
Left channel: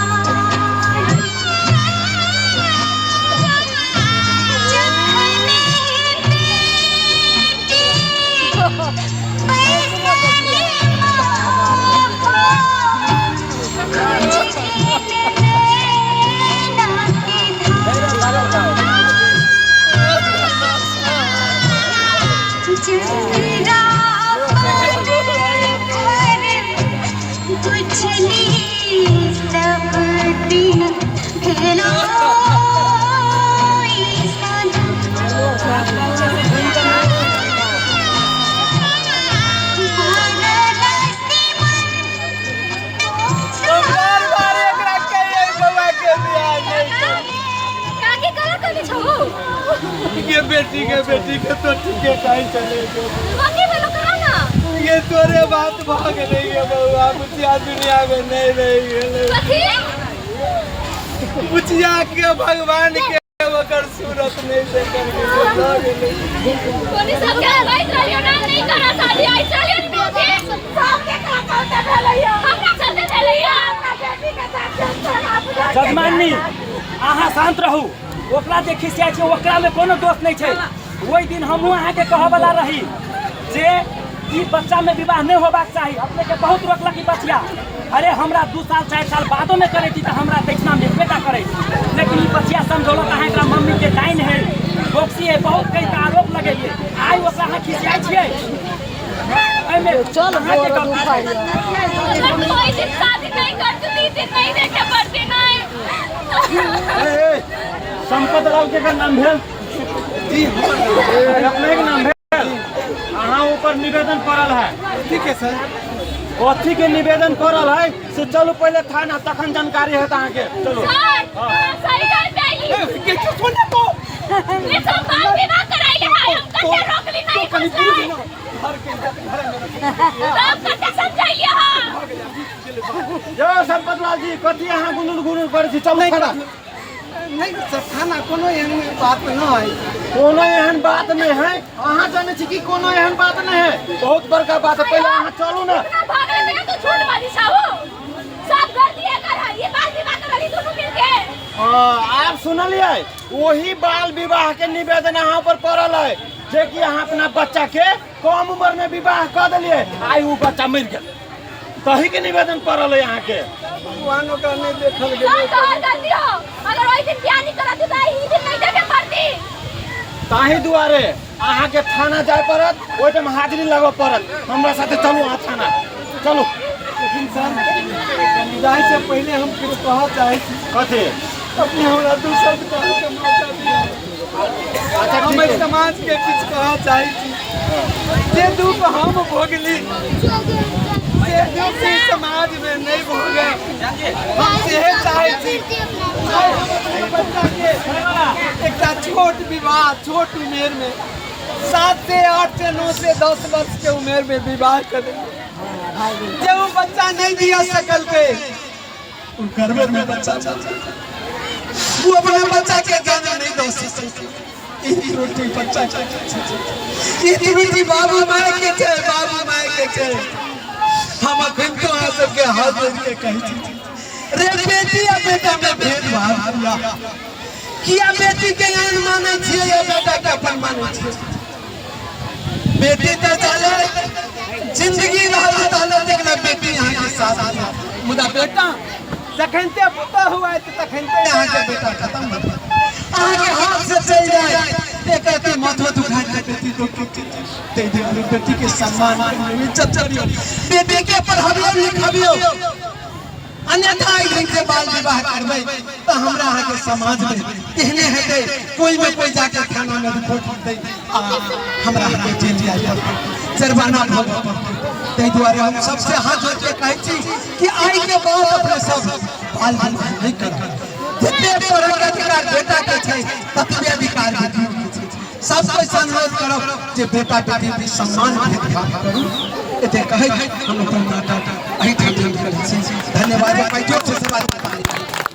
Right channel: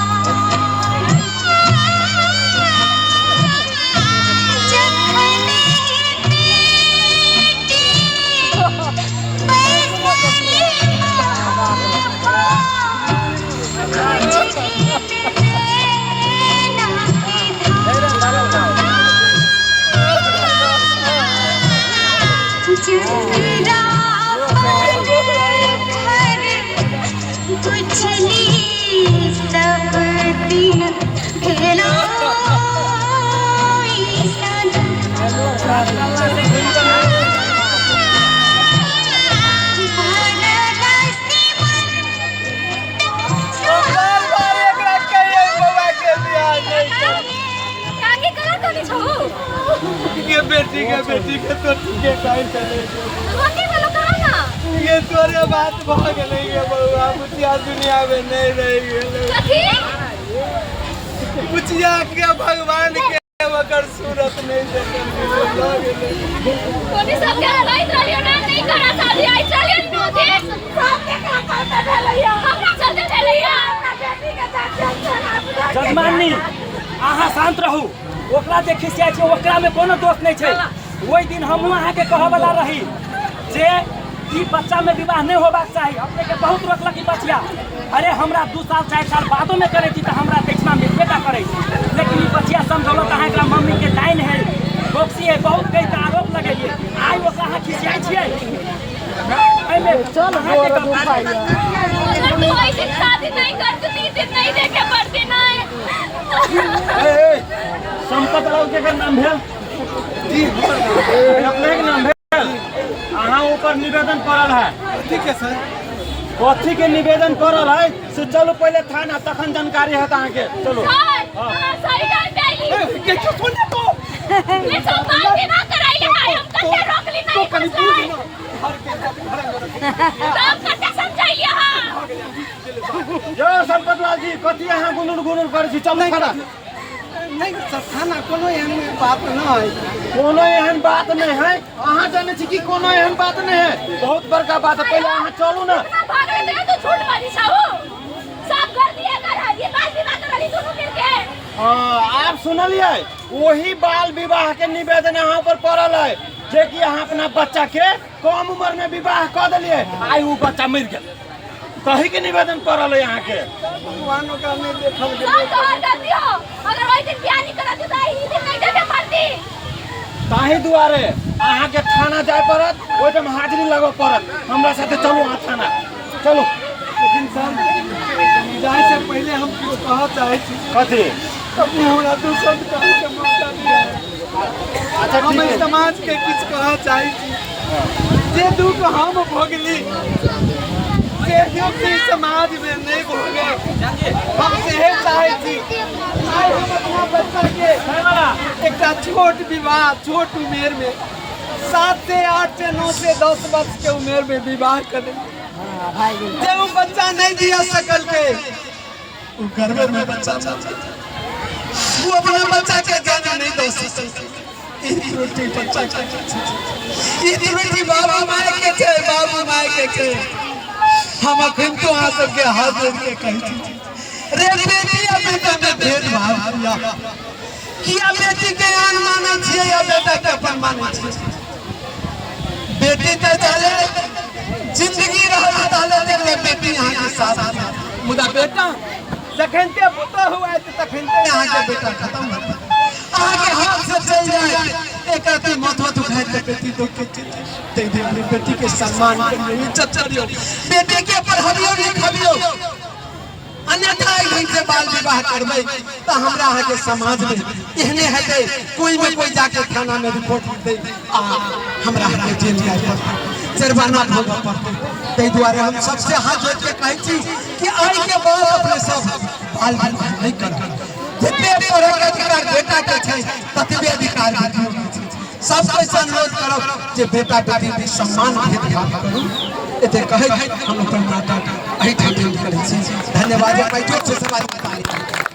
ये बेटी के तो ठीक है कहीं चले बाकी वालों कहा ना ये तोरे बात भाग नहीं है बउआ मुझिया दुनिया में नहीं रही है मुझिया के भगवान के वकर सूरत नहीं देखल के भाग नहीं कोनी सब के बैठ रहियो ना नहीं करा शादी आई चलियो ना थे सब के का कहते भेलैया हमरा चलते भेलैया हमरा बेटी के साथ जजमानी अहाँ शांत रहू ओकरा जे खिसिया छै ओकरा में कोनो दोष नहीं छै ओई दिन हमहू अहाँ के कह वाला रही जे ई बच्चा में विवाह नहीं होबाक चाही अपने के बहुत रोकलक ई बचिया अरे हमरा 2 साल 4 साल बादो में करे थी तो हमरा देखना में बेटा करे लेकिन ई बचिया समझौलत अहाँ एकरा मम्मी के डाइन है बोक्सी है बहुत कई आरोप लगेलिए आई ओकरा अहाँ खिसिया छियै एमे चल गोड़ दुखाइया अगर तू ऐसे शादी नहीं करती तो नहीं देखे पड़ती नहीं संपत राव के नाम भेल अपने के नाम भेल अहाँ ऊपर निवेदन पड़ल है ठीक है सर कथी के निवेदन पड़ल है से चलो पहले थाना तखन जानकारी है अहाँ के चलो सर सही टाइम पे आई के सुन तो ये सब बात भी ना कराइले है हम कैसे रोक ली नहीं कनी फंसाई? पूछ ना घर के इज्जत घर में रखे तो हम कैसे समझाइए हाँ? यो संपतलाल जी कथी अहाँ गुनुर गुनुर करै छी चल खड़ा नहीं सर थाना कोनो एहन बात न है कोनो एहन बात नहीं है अहाँ जाने छी कि कोनो एहन बात नहीं है बहुत बड़का बात है पहले अहाँ चलू ना इतना भाग रहे थे तो झूठ बाजी साहू सब कर दिए कर ये बात भी बात वाली दोनों मिलके हाँ आप सुनलिए वही बाल विवाह के निवेदन अहाँ पर पड़ल है जे कि अहाँ अपना बच्चा के कम उम्र में विवाह कर दिलिए आई वो बच्चा मर गया सही के निवेदन पड़ल है यहाँ के भगवान का नहीं देखल सब गेलै तो कर दियो अगर वही दिन ब्याह नहीं करत तो ई दिन नहीं देखे पड़ती ताही दुआरे अहाँ के थाना जाय पड़त ओइ टाइम हाजिरी लगब पड़त हमरा साथे चलू अहाँ थाना चलू लेकिन सर जाए से पहले हम कुछ कह चाहे छी कथी अपने हमरा दू शब्द कह के मौका दिया अच्छा हम ठीक है समाज के कुछ कह चाहे छी जे दुख हम भोगली जे दुख से समाज में नहीं भोगे हम सेहे चाहे छी आइ हम अपना बच्चा के एक छोट विवाह छोट उम्र में 7 से 8 से 9 से 10 वर्ष के उम्र में विवाह कर जब वो बच्चा नहीं दिया सकल के वो गर्भ में बच्चा वो अपने बच्चा के जन्म नहीं दे सकते ई रोटी बच्चा ई रोटी बाबू माय के छे बाबू माय के छे हम अखन तो आ सबके हाथ जोड़ के कहै छी रे बेटी आ बेटा में भेदभाव किया किया बेटी के आन माने छियै या बेटा के अपन माने छियै बेटी तो चले जिंदगी रहल ताले देखला बेटी यहाँ के साथ मुदा बेटा जखन ते पुता हुआ है तखन ते यहाँ के बेटा खत्म हो गया अहाँ के हाथ से चल जाए एक के माथा दुखाए ते बेटी को ते दे बेटी के सम्मान करियो इज्जत करियो बेटी के पढ़ाबियो लिखाबियो अन्यथा ढंग से बाल विवाह करबै तो हमरा अहाँ के समाज में एहने हेतै कोई में कोई जाके थाना में रिपोर्ट दे आ हमरा अहाँ के जेल जाय पड़तै जुर्माना भोगऽ पड़तै ताहि दुआरे हम सबसे हाथ जोड़ के कहै छी कि आइ के बाद अपने सब बाल विवाह नहीं करबै जते पढ़े के अधिकार बेटा के छै ततबे अधिकार बेटियों के छै सब कोई अनुरोध करब जे बेटा बेटी के सम्मान भेदभाव करू एते कहै हम अपन नाटक एहिठाम करै छी धन्यवाद। जोर से सवाल